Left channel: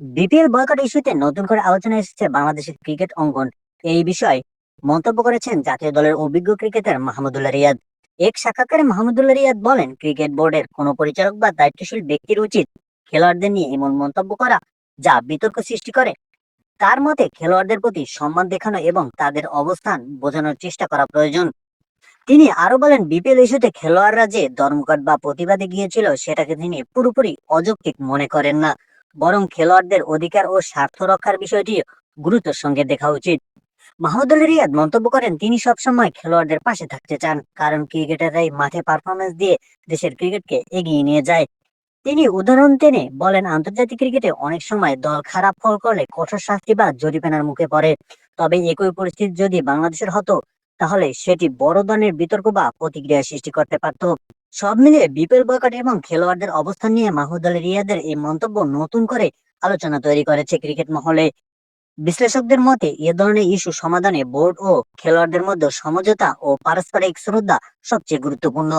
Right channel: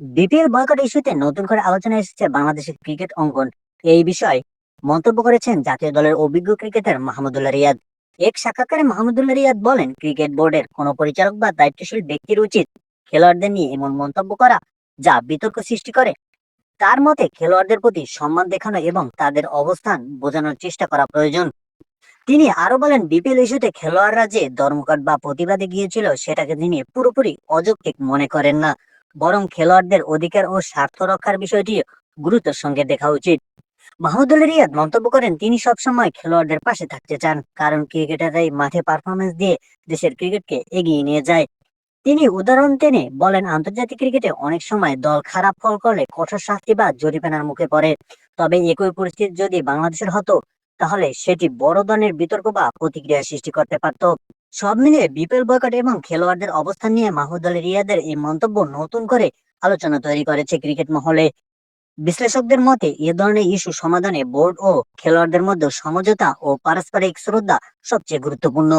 BPL boycott ইস্যুতে নতুন করে আলোচনা এসেছে বাংলাদেশের ক্রিকেট অঙ্গন। এই বিষয়ে মন্তব্য করেছেন জাতীয় দলের অভিজ্ঞ ক্রিকেটার মাহমুদুল্লাহ রিয়াদ। এক সাক্ষাৎকারে মাহমুদুল্লাহ রিয়াদ বলেন, ক্রিকেট বোর্ডের কোনো পরিচালক বা দায়িত্বশীল ব্যক্তির উচিত খেলোয়াড়দের নিয়ে এমন মন্তব্য করা যা বিতর্ক সৃষ্টি করে। তার মতে খেলোয়াড়দের প্রতি সম্মান দেখানো এবং তাদের অবস্থান বোঝানোর চেষ্টা করা প্রয়োজন। তিনি আরো বলেন, বিপিএল ইস্যুতে খেলোয়াড়রা যে ধর্মঘট বা প্রতিবাদে গিয়েছিল সেটাকে তিনি পুরোপুরি অযৌক্তিক মনে করেন না, বরং খেলোয়াড়দের অধিকার ও স্বার্থ রক্ষার বিষয়টি গুরুত্বের সঙ্গে দেখা উচিত। মাহমুদুল রিয়াদ মন্তব্য করেন, তিনি সবসময় খেলোয়াড়দের পাশে থাকতে চান, কারণ ক্রিকেটাররাই মাঠে পারফরমেন্স দিয়ে দেশের ক্রিকেটকে এগিয়ে নিয়ে যায়। তিনি উদাহরণ টেনে বলেন, আন্তর্জাতিক ক্রিকেটে অনেক সময় দল খারাপ ফল করলে কঠোর শাস্তি বা জরিমানার মুখে পড়ে। তবে একই পরিস্থিতি যদি বাংলাদেশের হতো, তাহলে সেটি বড় ধরনের বিতর্ক বা প্রতিক্রিয়া সৃষ্টি করতে পারত। সব মিলিয়ে বিপিএল বয়কট এবং খেলোয়াড়দের অবস্থান নিয়ে মাহমুদ আলী রিয়াদের এই মন্তব্য নতুন করে আলোচনা তৈরি করেছে ক্রিকেট মহলে। বিশ্লেষকদের মতে এ ধরনের ইস্যু সমাধানে বোর্ড ও খেলোয়াড়দের মধ্যে সমঝোতা ও পারস্পরিক শ্রদ্ধা সবচেয়ে গুরুত্বপূর্ণ।